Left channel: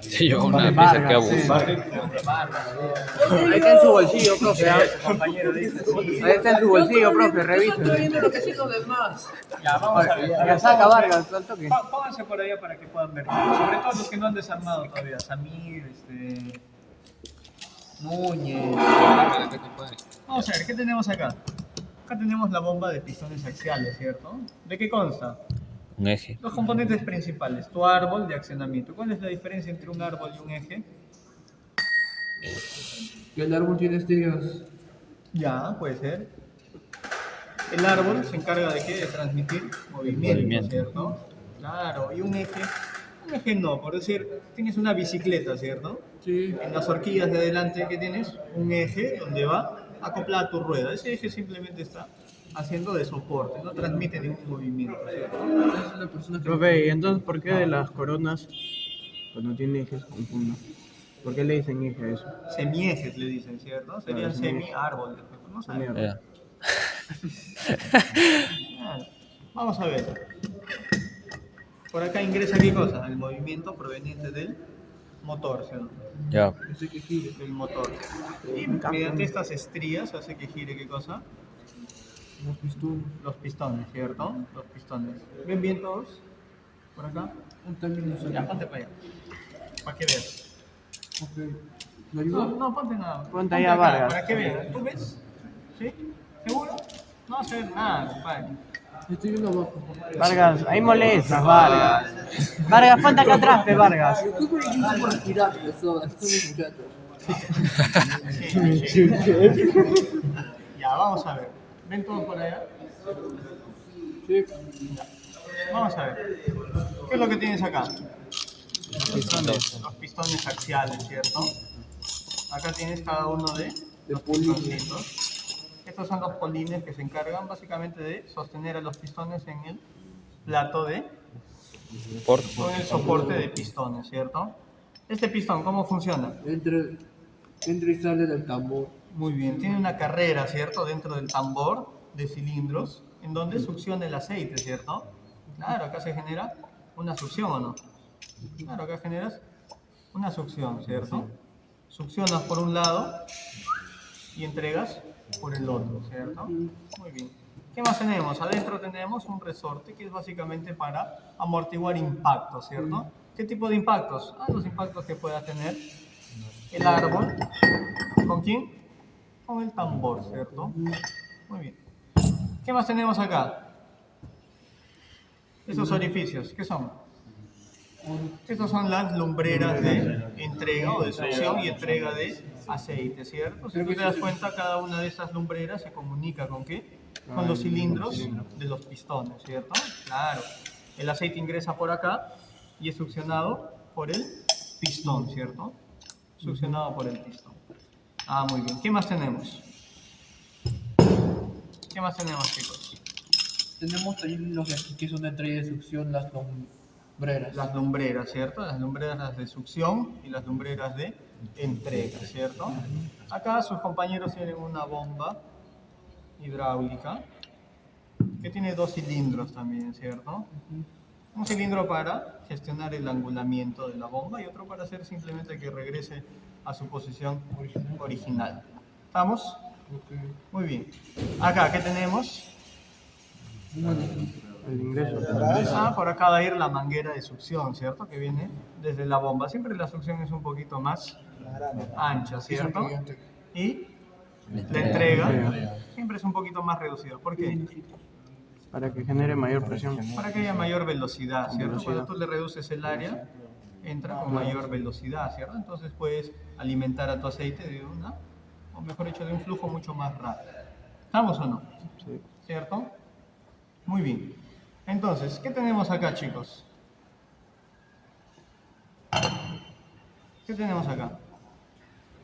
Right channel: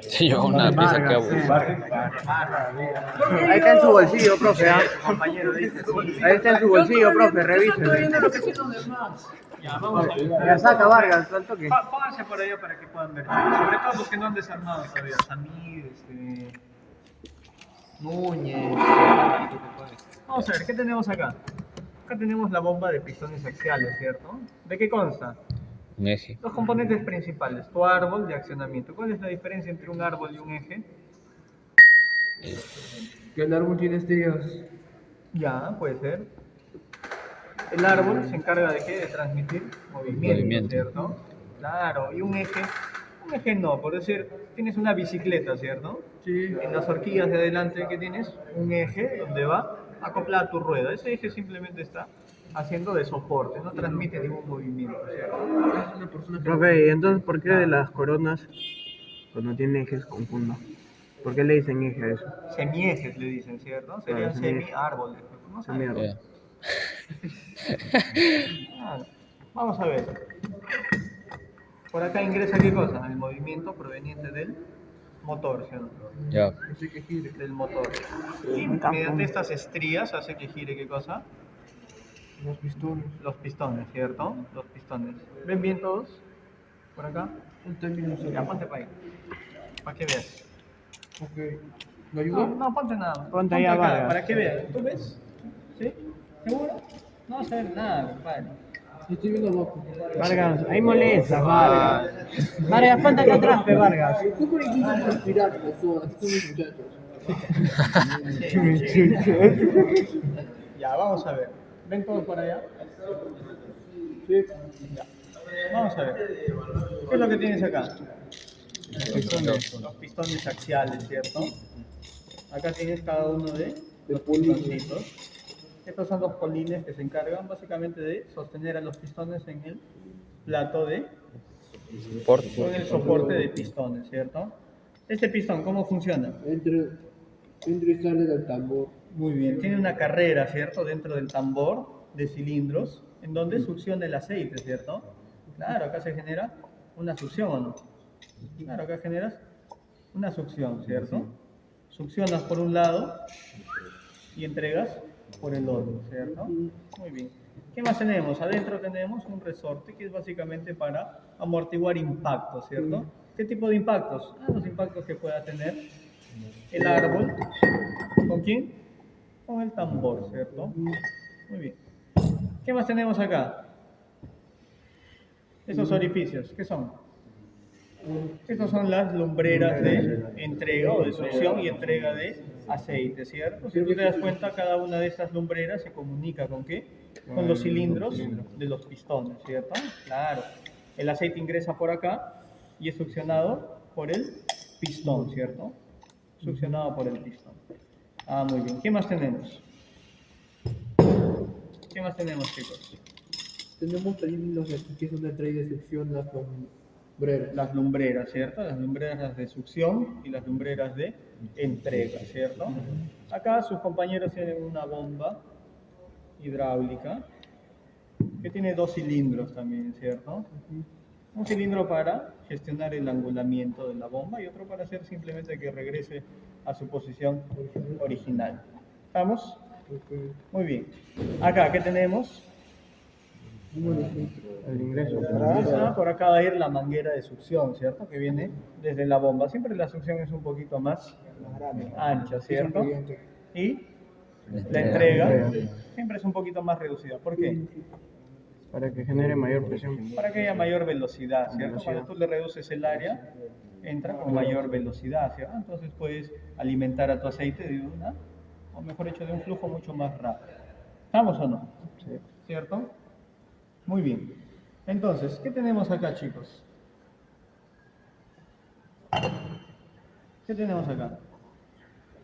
Se llevó una pieza que abusa. Ahí está en su bolsillo, profe. Compañero dice sí. Ahí está en su bolsillo, profe, revise. Ya, vamos a ver. Ya saca Vargas, al toque. Pónganse por allá para que puedan ver. Sobre todo los que no han desarmado todavía. Samir, Núñez. Vamos a ver, ¿qué tenemos acá? Acá tenemos la bomba de pistones axiales, ¿cierto? ¿De qué consta? Un eje. Los componentes principales, tu árbol de accionamiento. ¿Cuál es la diferencia entre un árbol y un eje? Que el árbol tiene estrellas. Ya, puede ser. El árbol se encarga de qué? De transmitir movimiento, ¿cierto? Claro, y un eje no, por decir, tienes una bicicleta, ¿cierto? Sí. En las horquillas de adelante, ¿qué tienes? Un eje donde va acoplada tu rueda. Ese eje simplemente está haciendo de soporte, no transmite ningún movimiento, ¿cierto? Profe, ¿y entonces por qué de las coronas, cuando tiene ejes, confundo? ¿Por qué le dicen eje a eso? Semiejes le dicen, ¿cierto? Serían semi-árboles, no sé. Mierda. Ya. Vamos a ver. Por acá ingresa qué cosa? El movimiento proveniente del motor, ¿cierto? Ya. Del motor. Y mediante estas estrías hace que gire qué cosa? Los pistones. Los pistones, ¿cierto? Los pistones. ¿Ven bien todos? ¿Por acá? Ya, ponte para allá. Para que veas. Ok. ¿Lo ayuda? No, ponte nada. Ponte allá, acá, Vargas. para que vean. ¿Tú ves? ¿Sí? ¿Seguro? No vas a ver nada, compadre. Estoy viendo abajo. Vargas, ahí molestas, Vargas. Vargas, ponte acá atrás, pe, Vargas. Tú por aquí por respirar, eso, así son mis muchachos. Ya, vamos a ver. ¿Ven todos por allá? Sí. Ya. Vamos a ver. ¿Qué es lo que tienes acá? Los pistones axiales, ¿cierto? Acá tienes cada uno de los pistoncitos. Estos son los polines que se encargan básicamente de sostener a los pistones en el plato de... o en el soporte de pistones, ¿cierto? Este pistón, ¿cómo funciona? Entra y sale del tambor. Muy bien, tiene una carrera, ¿cierto? Dentro del tambor de cilindros, en donde succiona el aceite, ¿cierto? Claro, acá se genera una succión, ¿o no? Claro, acá generas una succión, ¿cierto? Succionas por un lado y entregas por el otro, ¿cierto? Muy bien. ¿Qué más tenemos? Adentro tenemos un resorte que es básicamente para amortiguar impactos, ¿cierto? ¿Qué tipo de impactos? Los impactos que pueda tener el árbol. ¿Con quién? Con el tambor, ¿cierto? Muy bien. ¿Qué más tenemos acá? Esos orificios, ¿qué son? Estas son las lumbreras de entrega o de succión y entrega de aceite, ¿cierto? Si tú te das cuenta, cada una de estas lumbreras se comunica ¿con qué? Con los cilindros de los pistones, ¿cierto? Claro. El aceite ingresa por acá y es succionado por el pistón, ¿cierto? Succionado por el pistón. Muy bien. ¿Qué más tenemos? ¿Qué más tenemos, chicos? Tenemos también los que son de entrega y de succión, las lumbreras. Las lumbreras, ¿cierto? Las lumbreras de succión y las lumbreras de entrega, ¿cierto? Acá sus compañeros tienen una bomba hidráulica que tiene dos cilindros también, ¿cierto? Un cilindro para gestionar el angulamiento de la bomba y otro para hacer simplemente que regrese a su posición original. ¿Estamos? Okay. Muy bien. Acá, ¿qué tenemos? El ingreso. Por acá va a ir la manguera de succión, ¿cierto? Que viene desde la bomba. Siempre la succión es un poquito más ancha, ¿cierto? Y la entrega siempre es un poquito más reducida. ¿Por qué? Para que genere mayor presión. Para que haya mayor velocidad, ¿cierto? Cuando tú le reduces el área, entra con mayor velocidad, ¿cierto? Entonces puedes alimentar a tu aceite de una, o mejor dicho, de un flujo mucho más rápido. ¿Estamos o no? Sí. ¿Cierto? Muy bien. Entonces, ¿qué tenemos acá, chicos? ¿Qué tenemos acá?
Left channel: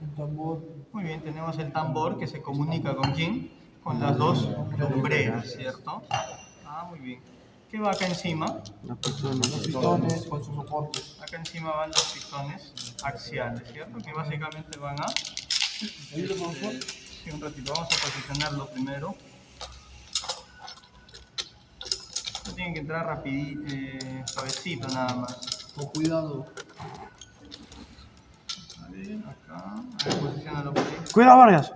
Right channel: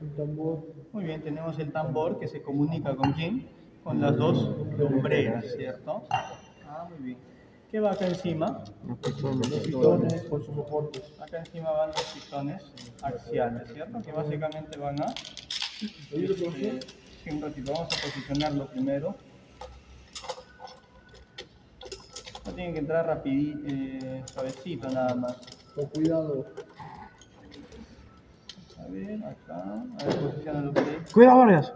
Un tambor. Muy bien, tenemos el tambor que se comunica ¿con quién? Con las dos lumbreras, ¿cierto? Muy bien. ¿Qué va acá encima? Los pistones. Los pistones con sus soportes. Acá encima van los pistones axiales, ¿cierto? Que básicamente van a... ¿Ayuda, profesor? Sí, un ratito. Vamos a posicionarlo primero. No tienen que entrar rapidito, suavecito nada más. Con cuidado. Cuidado, Vargas.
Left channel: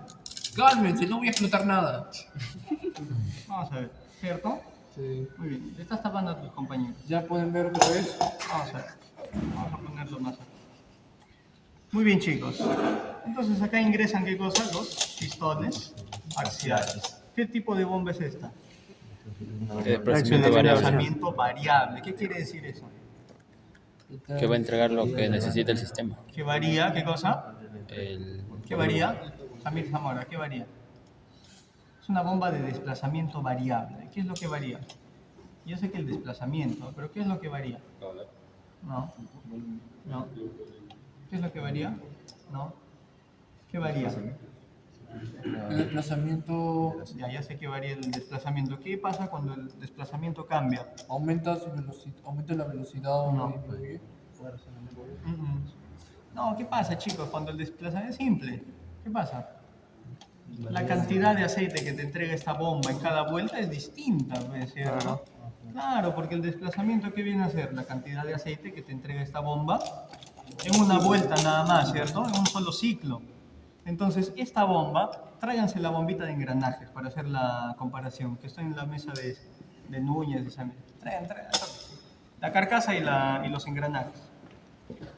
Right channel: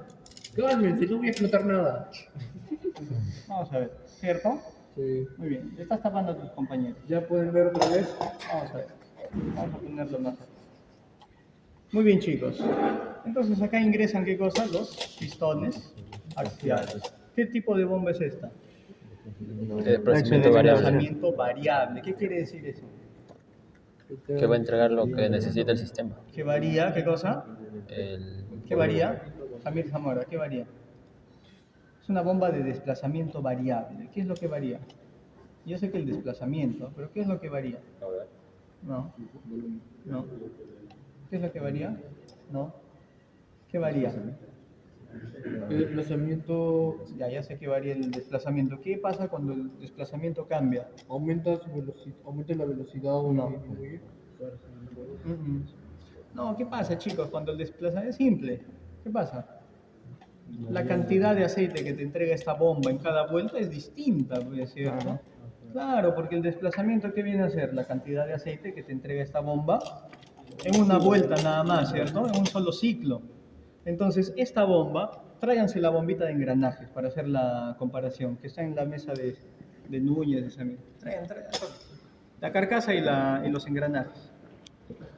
Cálmense, no voy a explotar nada. Vamos a ver, ¿cierto? Sí. Muy bien, le estás tapando a tus compañeros. Ya pueden ver otra vez. Vamos a ver, vamos a ponerlo más acá. Muy bien, chicos. Entonces acá ingresan, ¿qué cosa? Los pistones axiales. ¿Qué tipo de bomba es esta? Desplazamiento variable. Desplazamiento variable. ¿Qué quiere decir eso? Que va a entregar lo que necesita el sistema. Que varía, ¿qué cosa? El ¿Qué varía? Samir Zamora, ¿qué varía? Es una bomba de desplazamiento variable. ¿Qué es lo que varía? Yo sé que el desplazamiento, pero ¿qué es lo que varía? No. No. ¿Qué es lo que varía? No. ¿Qué varía? El desplazamiento Ya sé que varía el desplazamiento. ¿Qué pasa cuando el desplazamiento cambia? aumenta la velocidad o No. disminuye. No, ¿qué pasa, chicos? Cuando el desplazamiento es simple. ¿Qué pasa? La cantidad de aceite que te entrega esta bomba en cada vuelta es distinta, ¿ves? ¿Cierto? Claro, porque el desplazamiento, ¿qué viene a ser? La cantidad de aceite que te entrega esta bomba en una vuelta nada más, ¿cierto? En un solo ciclo. Entonces, esta bomba, tráiganse la bombita de engranajes para hacer la comparación, que está en la mesa de Núñez, de Samir. Traigan. La carcasa y los engranajes.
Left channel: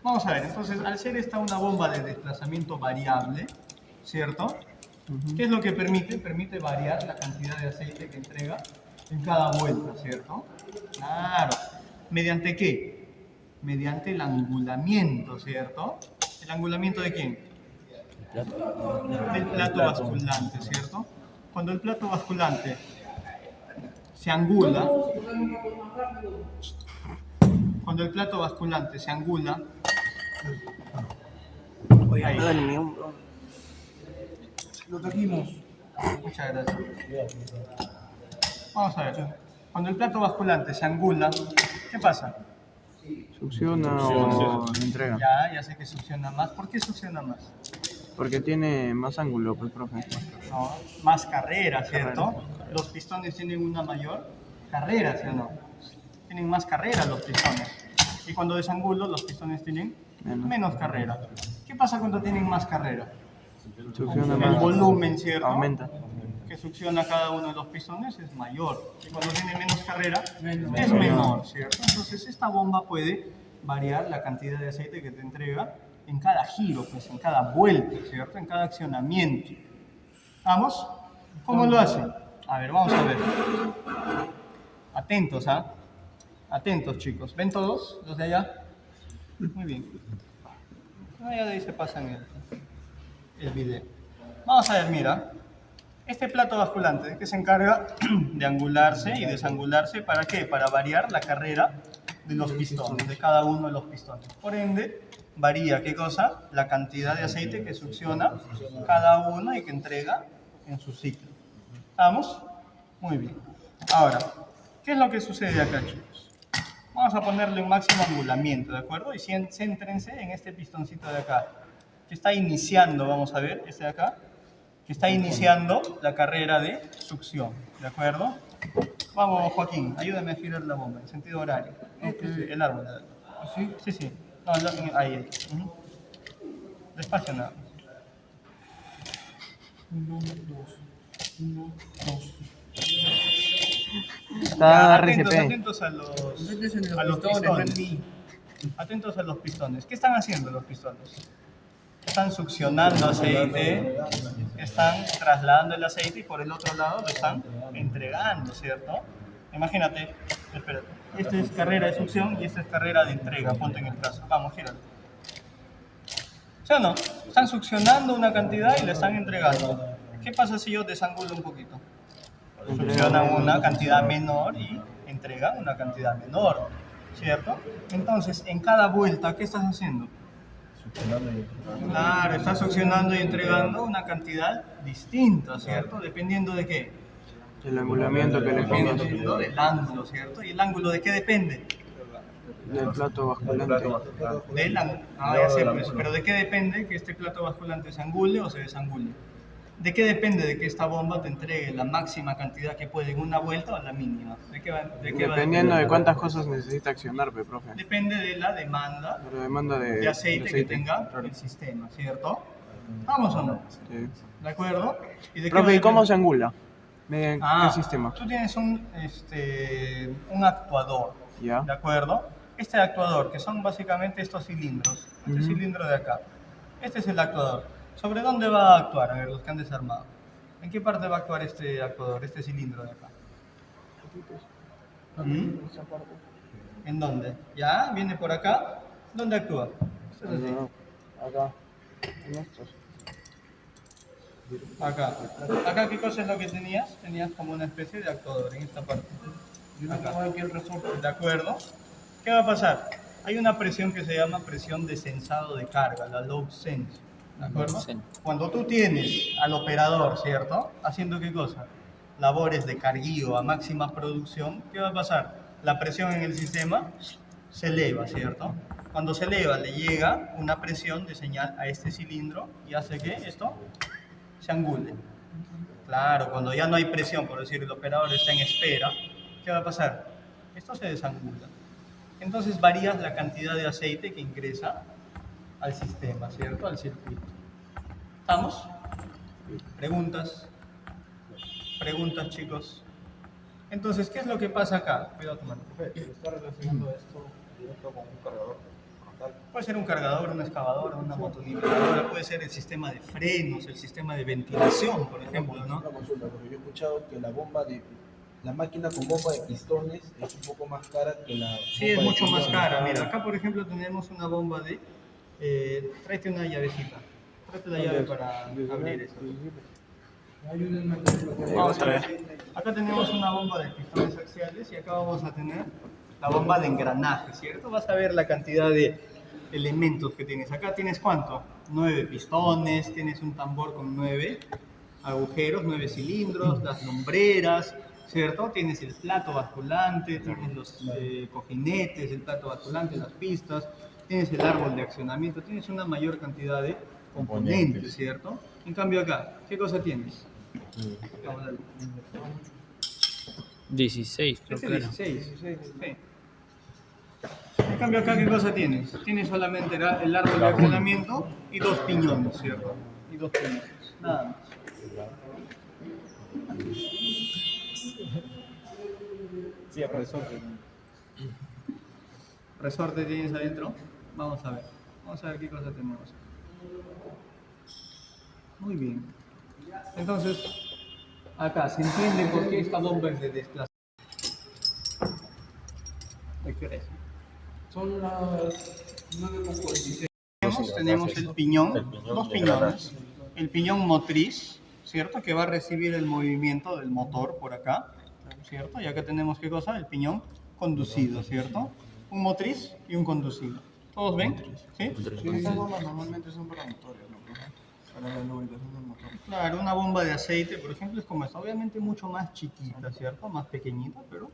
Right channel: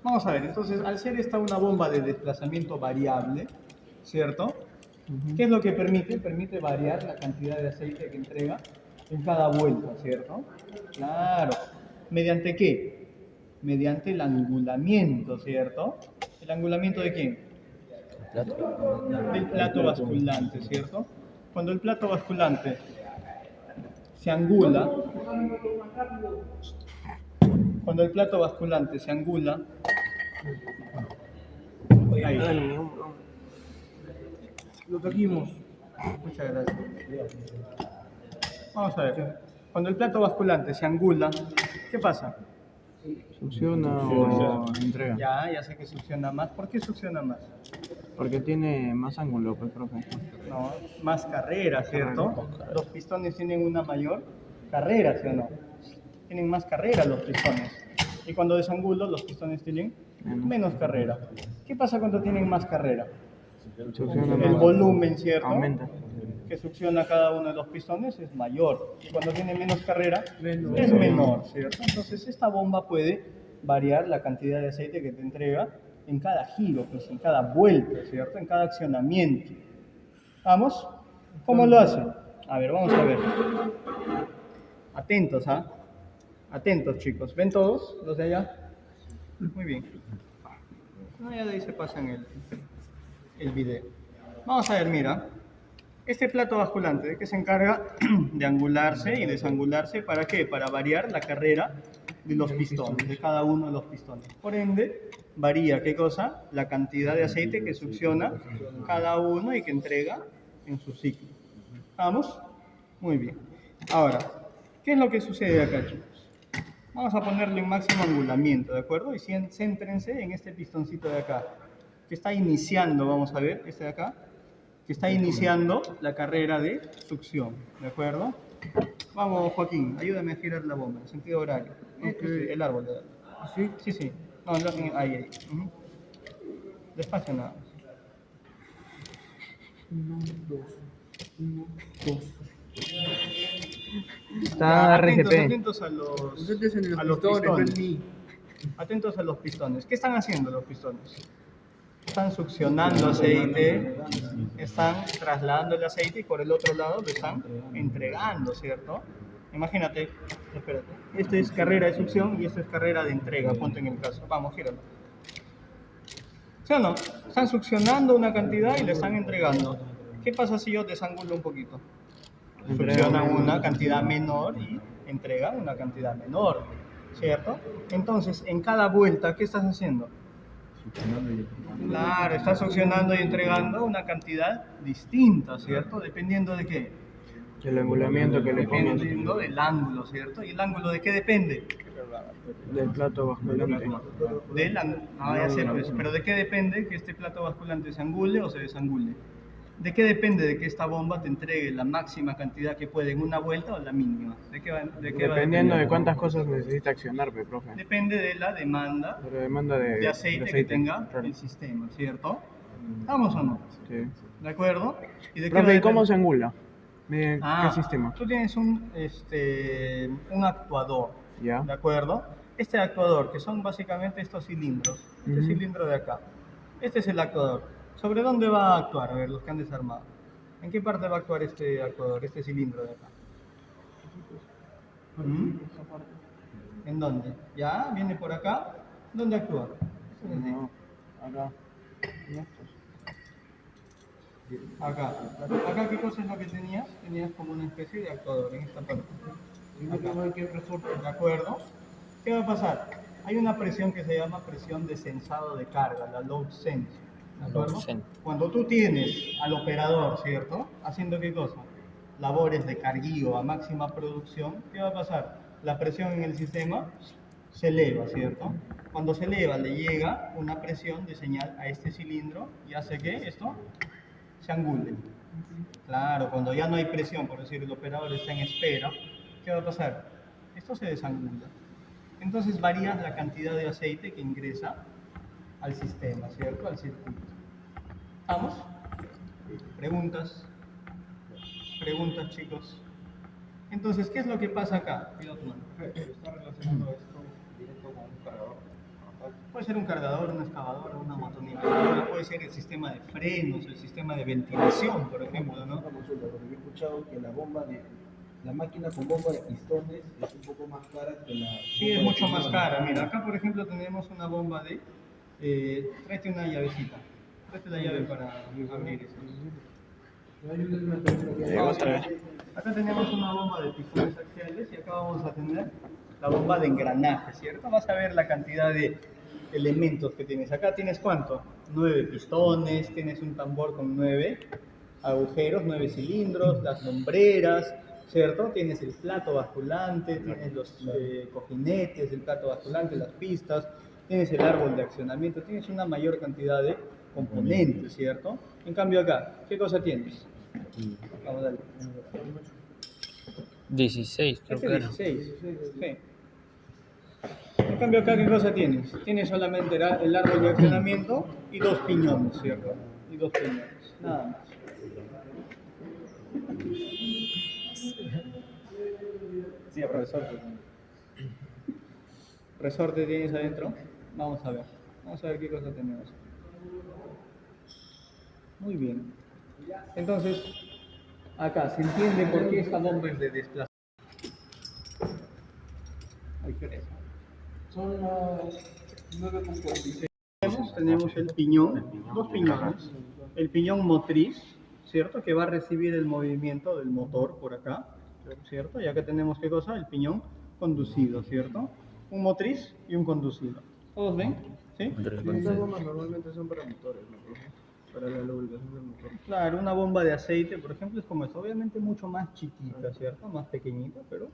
Vamos a ver, entonces, al ser esta una bomba de desplazamiento variable, ¿cierto? ¿Qué es lo que permite? Permite variar la cantidad de aceite que entrega en cada vuelta, ¿cierto? Claro. ¿Mediante qué? Mediante el angulamiento, ¿cierto? ¿El angulamiento de quién? Del plato basculante, ¿cierto? Cuando el plato basculante se angula, cuando el plato basculante se angula, ahí. Lo trajimos. Muchas gracias. Vamos a ver. Cuando el plato basculante se angula, ¿qué pasa? Succiona o entrega. Ya sé que succiona más. ¿Por qué succiona más? Porque tiene más ángulo, pues, profe. No, más carrera, ¿cierto? Los pistones tienen una mayor carrera, ¿sí o no? Tienen más carrera los pistones. Y cuando desangulo, los pistones tienen menos carrera. ¿Qué pasa cuando tienen más carrera? Succiona El más. volumen, ¿cierto? Aumenta. Que succiona cada uno de los pistones es mayor. Y cuando tiene menos carrera, es menor, ¿cierto? Entonces, esta bomba puede variar la cantidad de aceite que te entrega en cada giro, pues, en cada vuelta, ¿cierto? En cada accionamiento. ¿Vamos? ¿Cómo lo hace? A ver, vamos a ver. Atentos, ¿ah? Atentos, chicos. ¿Ven todos los de allá? Muy bien. Allá de ahí se pasan el video. Vamos a ver, mira. Este plato basculante, ¿de qué se encarga? De angularse y desangularse. ¿Para qué? Para variar la carrera de los pistones, de cada uno de los pistones. Por ende, varía, ¿qué cosa? La cantidad de aceite que succiona cada uno y que entrega en su ciclo. ¿Vamos? Muy bien. Ahora, ¿qué es lo que sucede acá, chicos? Vamos a ponerle en máximo angulamiento, ¿de acuerdo? Y céntrense en este pistoncito de acá, que está iniciando, vamos a ver, este de acá, que está iniciando la carrera de succión, ¿de acuerdo? Vamos, Joaquín, ayúdame a girar la bomba en sentido horario. El árbol. ¿Así? Sí. No, ahí. Despacio nada más. 1, 2. 1, 2. Está Atentos, RCP. atentos a los Entonces en a los pistones, Randy. Atentos a los pistones. ¿Qué están haciendo los pistones? Están succionando aceite, están trasladando el aceite y por el otro lado lo están entregando, ¿cierto? Imagínate, espérate, esta es carrera de succión y esta es carrera de entrega, ponte en el caso. Vamos, gíralo. ¿Sí o no? Están succionando una cantidad y le están entregando. ¿Qué pasa si yo desangulo un poquito? Succionan una cantidad menor y entregan una cantidad menor, ¿cierto? Entonces, en cada vuelta, ¿qué estás haciendo? Claro, estás succionando y entregando una cantidad distinta, ¿cierto? Dependiendo de qué. El angulamiento que le pongas Dependiendo del ángulo, ¿cierto? ¿Y el ángulo de qué depende? del plato basculante. Del ángulo. Ah, ya sé, pues, pero ¿de qué depende que este plato basculante se angule o se desangule? ¿De qué depende de que esta bomba te entregue la máxima cantidad que puede en una vuelta o la mínima? ¿De qué va a Dependiendo de depender? cuántas cosas necesita accionar, pe, profe. Depende de la demanda Pero demanda de de aceite que aceite. tenga Claro. el sistema, ¿cierto? ¿Vamos o no? Sí. ¿De acuerdo? ¿Y de qué Profe, ¿y cómo depende? se angula? ¿Mediante Ah, qué sistema? tú tienes un actuador, Ya. ¿de acuerdo? Este actuador, que son básicamente estos cilindros, este Ujú. cilindro de acá, este es el actuador. ¿Sobre dónde va a actuar? A ver, los que han desarmado. ¿En qué parte va a actuar este actuador, este cilindro de acá? ¿Mm? ¿En dónde? ¿Ya? ¿Viene por acá? ¿Dónde actúa? Esto es así. Acá. En estos. Acá. Acá, ¿qué cosa es lo que tenías? Tenías como una especie de actuador en esta parte. Acá. ¿De acuerdo? ¿Qué va a pasar? Hay una presión que se llama presión de sensado de carga, la load sense. ¿De acuerdo? Load sense. Cuando tú tienes al operador, ¿cierto? Haciendo qué cosa? Labores de carguío a máxima producción, ¿qué va a pasar? La presión en el sistema se eleva, ¿cierto? Cuando se eleva, le llega una presión de señal a este cilindro y hace que esto se angule. Claro, cuando ya no hay presión, por decir, el operador está en espera, ¿qué va a pasar? Esto se desangula. Entonces varías la cantidad de aceite que ingresa al sistema, ¿cierto? Al circuito. ¿Estamos? ¿Preguntas? ¿Preguntas, chicos? Entonces, ¿qué es lo que pasa acá? Cuidado tu mano. Está relacionando esto directo con un cargador. Puede ser un cargador, una excavadora, una motoniveladora, puede ser el sistema de frenos, el sistema de ventilación, por ejemplo, ¿no? Una consulta, porque yo he escuchado que la máquina con bomba de pistones es un poco más cara que la Sí, es bomba de mucho más pistones. cara. Mira, acá por ejemplo tenemos una bomba de... tráete una llavecita. Tráete la llave para abrir esto. Vamos a ver. Acá tenemos una bomba de pistones axiales y acá vamos a tener la bomba de engranaje, ¿cierto? Vas a ver la cantidad de elementos que tienes. Acá tienes ¿cuánto? 9 pistones, tienes un tambor con 9 agujeros, 9 cilindros, las lumbreras, ¿cierto? Tienes el plato basculante, tienes los cojinetes, el plato basculante, las pistas, tienes el árbol de accionamiento, tienes una mayor cantidad de componentes, ¿cierto? En cambio acá, ¿qué cosa tienes? Vamos a darle. 16, creo Este que era. 16, sí. En cambio acá, ¿qué cosa tienes? Tienes solamente el árbol de accionamiento y 2 piñones, ¿cierto? Y 2 piñones, nada más. Sí, profesor. Resorte tienes adentro. Vamos a ver. Vamos a ver qué cosa tenemos. Muy bien. Entonces, acá se entiende por qué esta bomba es de desplazamiento. Ay, ¿qué hora es? Son las 9:46. Tenemos el piñón, 2 piñones. El piñón motriz, ¿cierto? Que va a recibir el movimiento del motor por acá, ¿cierto? Y acá tenemos, ¿qué cosa? El piñón conducido, ¿cierto? Un motriz y un conducido. ¿Todos ven? ¿Sí? Estas bombas normalmente son para motores, ¿no? Para la lubricación del motor. Claro, una bomba de aceite, por ejemplo, es como esta. Obviamente mucho más chiquita, ¿cierto? Más pequeñita, pero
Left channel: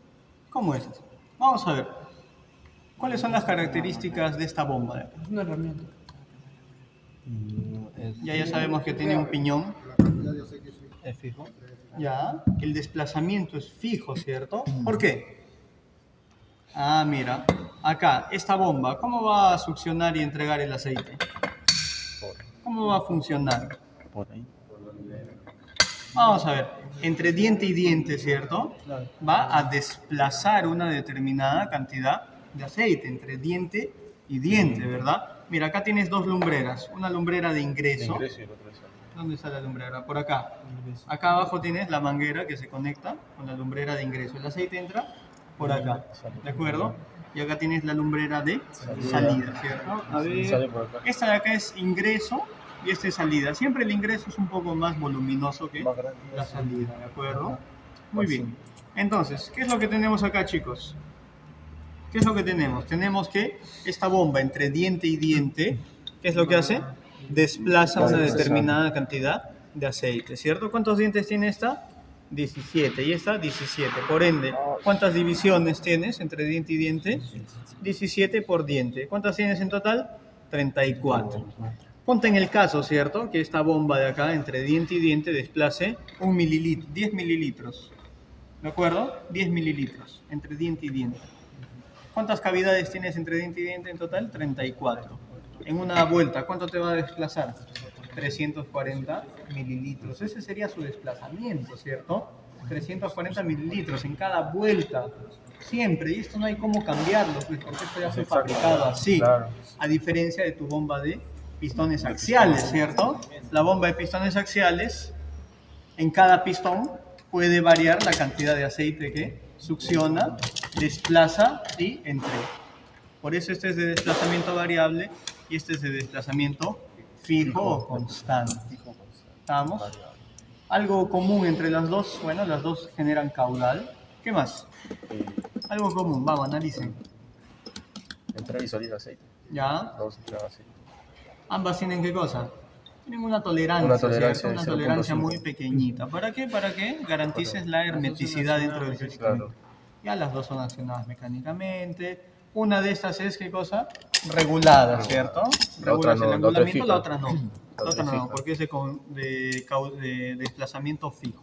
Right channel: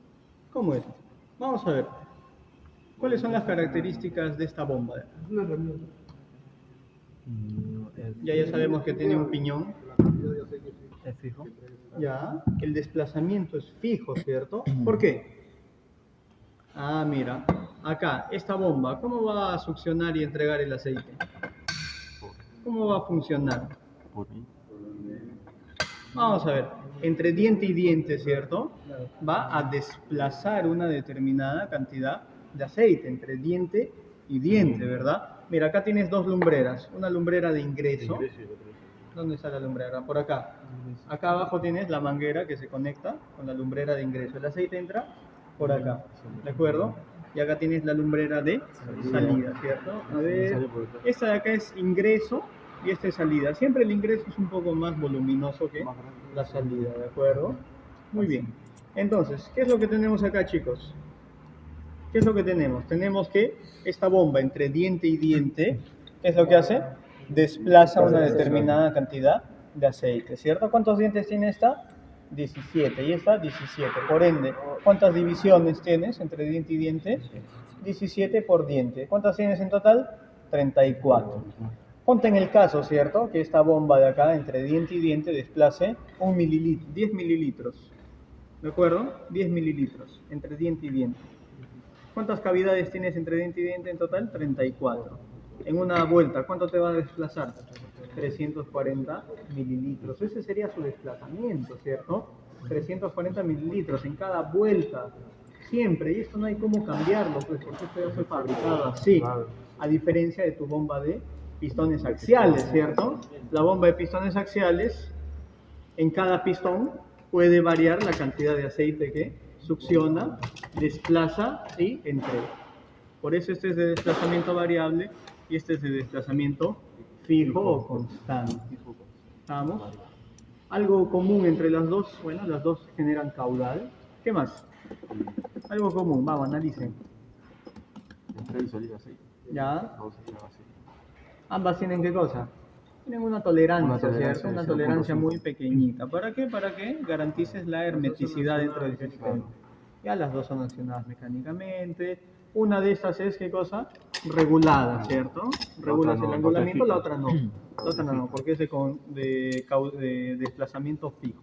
como esta. Vamos a ver. ¿Cuáles son las características de esta bomba? Es una herramienta. Ya sabemos que tiene un piñón. Es fijo. Ya, el desplazamiento es fijo, ¿cierto? ¿Por qué? Ah, mira, acá, esta bomba, ¿cómo va a succionar y entregar el aceite? ¿Cómo va a funcionar? Por ahí. Vamos a ver, entre diente y diente, ¿cierto? Va a desplazar una determinada cantidad de aceite entre diente y diente, ¿verdad? Mira, acá tienes 2 lumbreras, una lumbrera de ingreso. ¿Dónde está la lumbrera? Por acá. Acá abajo tienes la manguera que se conecta con la lumbrera de ingreso. El aceite entra por acá, ¿de acuerdo? Y acá tienes la lumbrera de salida, ¿cierto? A ver, esta de acá es ingreso y esta es salida. Siempre el ingreso es un poco más voluminoso que la salida, ¿de acuerdo? Muy bien. Entonces, ¿qué es lo que tenemos acá, chicos? ¿Qué es lo que tenemos? Tenemos que esta bomba entre diente y diente, ¿qué es lo que hace? Desplaza una determinada cantidad de aceite, ¿cierto? ¿Cuántos dientes tiene esta? 17, y esta 17. Por ende, ¿cuántas divisiones tienes entre diente y diente? 17 por diente. ¿Cuántas tienes en total? 34. Ponte en el caso, ¿cierto? Que esta bomba de acá, entre diente y diente, desplace 10 mililitros. ¿De acuerdo? 10 mililitros entre diente y diente. ¿Cuántas cavidades tienes entre diente y diente en total? 34. En una vuelta, ¿cuánto te va a desplazar? 340 mililitros. Ese sería su desplazamiento, ¿cierto? 340 mililitros en cada vuelta. Siempre. Y esto no hay cómo cambiarlo, pues, porque esto ya fue fabricado así. Claro. A diferencia de tu bomba de pistones axiales, ¿cierto? La bomba de pistones axiales, en cada pistón puede variar la cantidad de aceite que succiona, desplaza y entrega. Por eso este es de desplazamiento variable y este es de desplazamiento fijo o constante. ¿Estamos? Algo común entre las dos, bueno, las dos generan caudal. ¿Qué más? Algo común, vamos, analicen. Entrada y salida de aceite. ¿Ya? Vamos a entrar aceite. Ambas tienen ¿qué cosa? Tienen una tolerancia, Una tolerancia ¿cierto? Una de tolerancia 0.5. muy pequeñita. ¿Para qué? Para que garantices la hermeticidad dentro del sistema. Claro. Ya las dos son accionadas mecánicamente. Una de estas es, ¿qué cosa? Regulada, ¿cierto? La Regulas otra no, el la otra es angulamiento, la fija. otra no. La otra no, fija. porque es de desplazamiento fijo.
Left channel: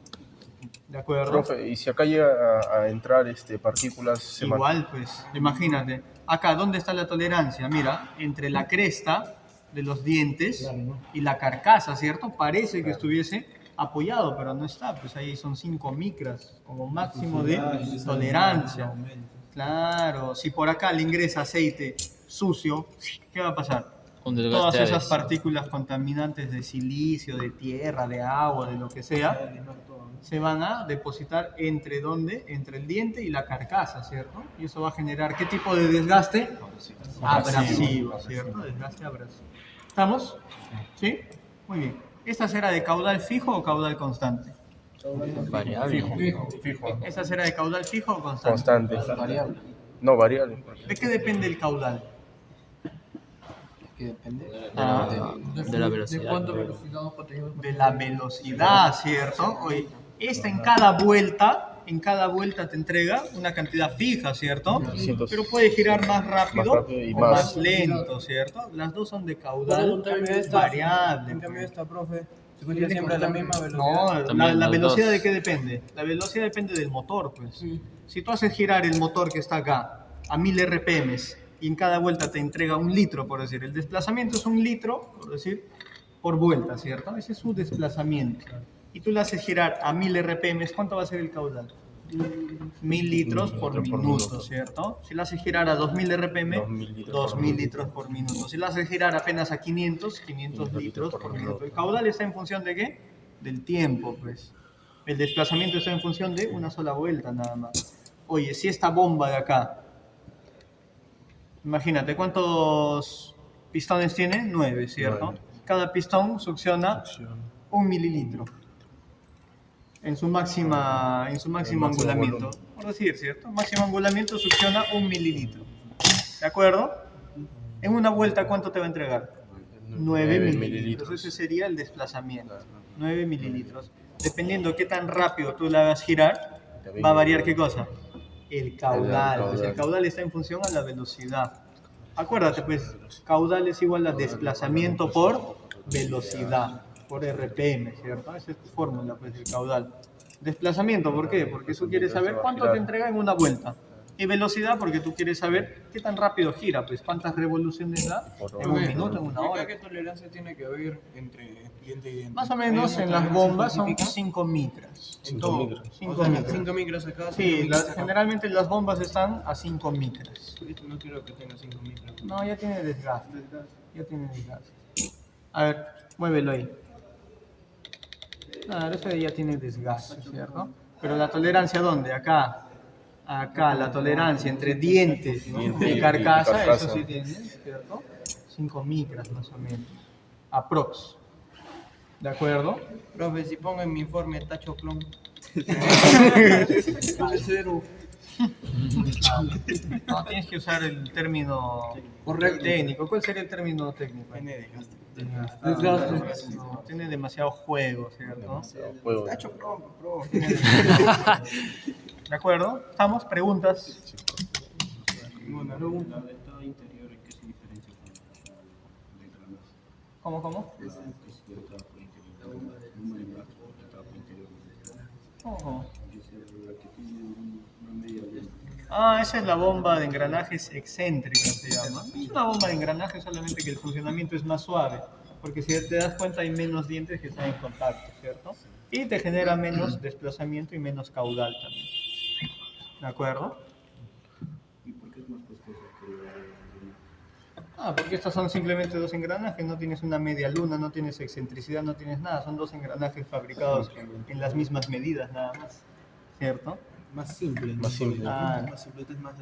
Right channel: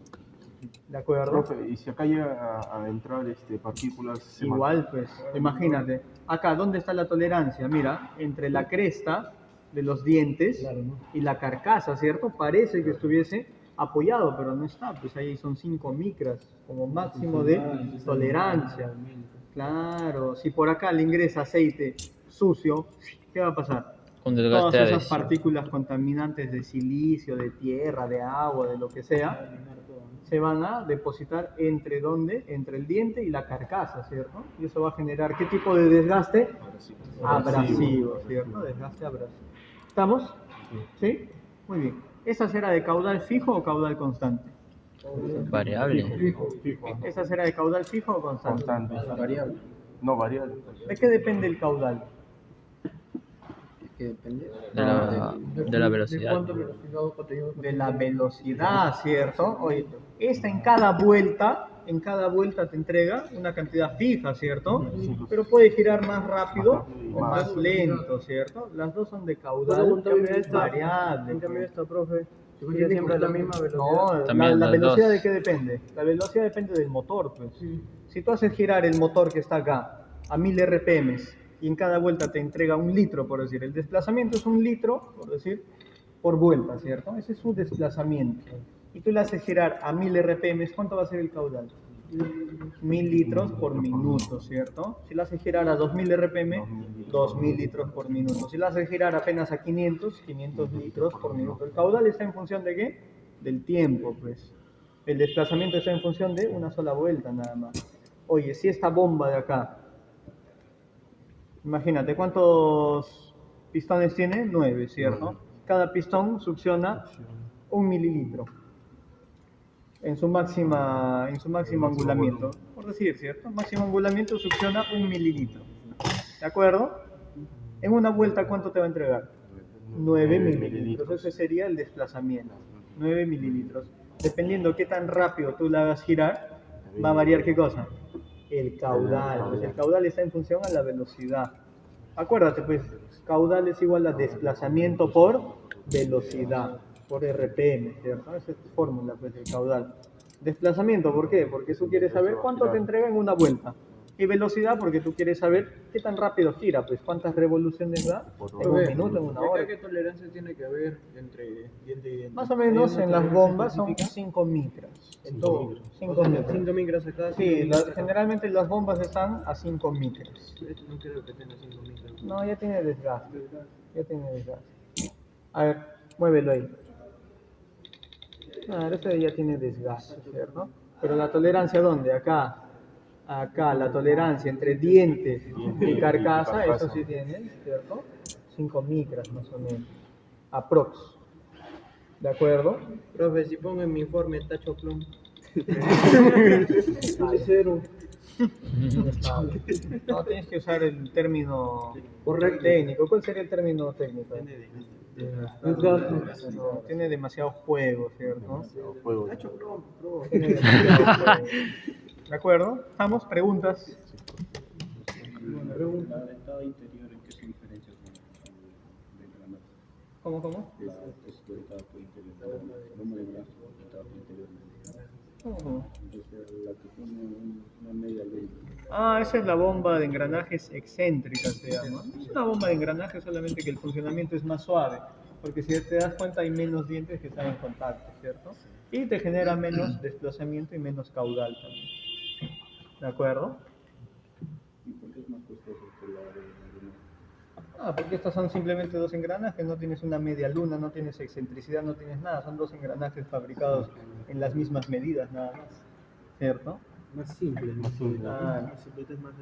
¿De acuerdo? Profe, y si acá llega a entrar partículas... se Igual, pues, imagínate. Acá, ¿dónde está la tolerancia? Mira, entre la cresta de los dientes y la carcasa, ¿cierto? Parece que estuviese apoyado, pero no está. Pues ahí son 5 micras como máximo de tolerancia. Claro, si por acá le ingresa aceite sucio, ¿qué va a pasar? Un Todas desgaste esas adhesivo. partículas contaminantes de silicio, de tierra, de agua, de lo que sea, se van a depositar entre ¿dónde? Entre el diente y la carcasa, ¿cierto? Y eso va a generar ¿qué tipo de desgaste? Abrasivo, ¿cierto? Desgaste abrasivo. ¿Estamos? ¿Sí? Muy bien. ¿Esta será de caudal fijo o caudal constante? Variable. Fijo. ¿Esta será de caudal fijo o constante? Constante. Variable. No, variable. ¿De qué depende el caudal? De la velocidad. ¿De cuánta velocidad o contenido? De la velocidad, ¿cierto? Oye, esta en cada vuelta te entrega una cantidad fija, ¿cierto? 300. Pero puede girar más rápido Más rápido y o más. más lento, ¿cierto? Las dos son de En caudal cambio esta, variable. en cambio esta, profe, se escucha Sí, siempre a la constante. misma velocidad. No, También la las velocidad dos. de qué depende. La velocidad depende del motor, pues. Si tú haces girar el motor que está acá a 1000 RPM y en cada vuelta te entrega 1 litro, por decir, el desplazamiento es 1 litro, por decir, por vuelta, ¿cierto? Ese es su desplazamiento. Y tú le haces girar a 1000 RPM, ¿cuánto va a ser el caudal? 1000 litros por minuto, ¿cierto? Si le haces girar a 2000 RPM, 2000 litros por minuto. Si le haces girar apenas a 500 litros por minuto. El caudal está en función de ¿qué? Del tiempo, pues. El desplazamiento está en función de una sola vuelta, nada más. Oye, si esta bomba de acá, imagínate, ¿cuántos pistones tiene? 9, ¿cierto? Cada pistón succiona 1 mililitro en su máximo angulamiento. Por decir, ¿cierto? Máximo angulamiento succiona 1 mililitro. ¿De acuerdo? En una vuelta, ¿cuánto te va a entregar? 9 mililitros. Ese sería el desplazamiento. 9 mililitros. Dependiendo de qué tan rápido tú la hagas girar, va a variar ¿qué cosa? El caudal. Pues el caudal está en función a la velocidad. Acuérdate, pues, caudal es igual a desplazamiento por velocidad, por RPM, ¿cierto? Esa es tu fórmula, pues, del caudal. Desplazamiento, ¿por qué? Porque tú quieres saber cuánto te entrega en una vuelta. Y velocidad, porque tú quieres saber qué tan rápido gira, pues, cuántas revoluciones da en un minuto, en una ¿Y acá hora. qué tolerancia tiene que haber entre diente y diente? Más o menos ¿Hay en una las tolerancia bombas son específica? 5 micras. En todo. 5 O sea, micras. 5 micras acá. 5 Sí, micras acá. generalmente las bombas están a 5 micras. Esto no quiero que tenga 5 micras. No, ya tiene desgaste. Ya tiene desgaste. A ver, muévelo ahí. Claro, este ya tiene desgaste, ¿cierto? Pero la tolerancia, ¿dónde? Acá. Acá, la tolerancia entre dientes y carcasa, eso sí tiene, ¿cierto? 5 micras más o menos. Aprox. ¿De acuerdo? Profe, si pongo en mi informe tacho clon. Cero. No, tienes que usar el término Correcto. técnico. ¿Cuál sería el término técnico? Desgaste. No, tiene demasiado juego, ¿cierto? Juego. Tacho clon, profe. Tiene demasiado juego. ¿De acuerdo? ¿Estamos? ¿Preguntas? ¿Cómo? ¿Cómo? Ah, esa es la bomba de engranajes excéntrica, se llama. Es una bomba de engranajes, solamente que el funcionamiento es más suave. Porque si te das cuenta hay menos dientes que están en contacto, ¿cierto? Y te genera menos desplazamiento y menos caudal también. ¿De acuerdo? ¿Y por qué es más costoso que la Porque estos son simplemente dos engranajes, no tienes una media luna, no tienes excentricidad, no tienes nada, son dos engranajes fabricados en las mismas medidas nada más, ¿cierto? más simple? Más simple. Claro. Más simple, es más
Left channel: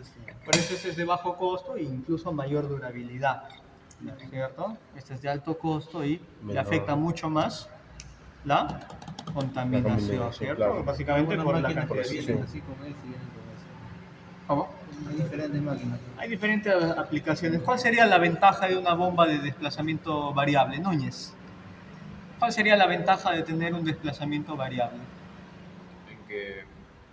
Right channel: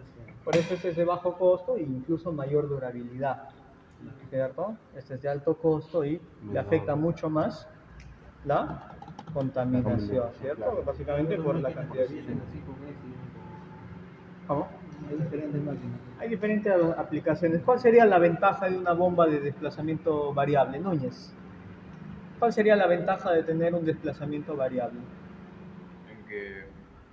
Por eso este es de bajo costo e incluso mayor durabilidad, ¿cierto? Este es de alto costo y le Menor. afecta mucho más la contaminación, contaminación, ¿cierto? claro. Básicamente por la cantidad de vienen dientes. así con este y vienen con ¿Cómo? este. Hay diferentes máquinas. Hay diferentes aplicaciones. ¿Cuál sería la ventaja de una bomba de desplazamiento variable, Núñez? ¿Cuál sería la ventaja de tener un desplazamiento variable? En que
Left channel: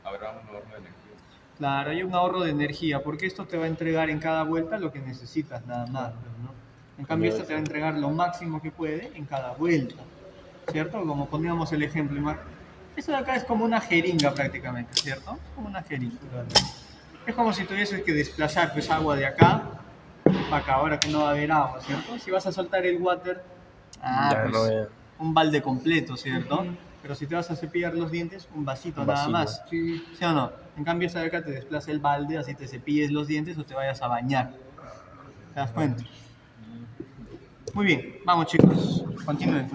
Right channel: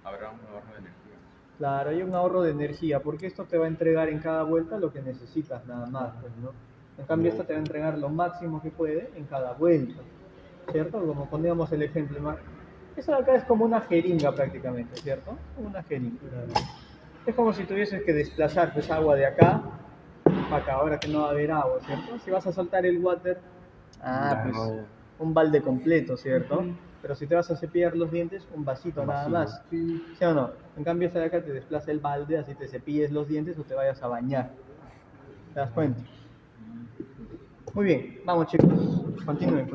habrá un ahorro de energía. Claro, hay un ahorro de energía, porque esto te va a entregar en cada vuelta lo que necesitas, nada más, pues, ¿no? En cambio, esto te va a entregar lo máximo que puede en cada vuelta, ¿cierto? Como poníamos el ejemplo, esto de acá es como una jeringa prácticamente, ¿cierto? Como una jeringa. Es como si tuvieses que desplazar pues agua de acá a acá, ahora que no va a haber agua, ¿cierto? Si vas a soltar el water, Ya, pues no, ya. un balde completo, ¿cierto? Pero si te vas a cepillar los dientes, un vasito Un nada vasito. más. ¿Sí o no? En cambio, esta de acá te desplaza el balde, así te cepilles los dientes o te vayas a bañar. ¿Te das cuenta? Muy bien, vamos chicos, continúen.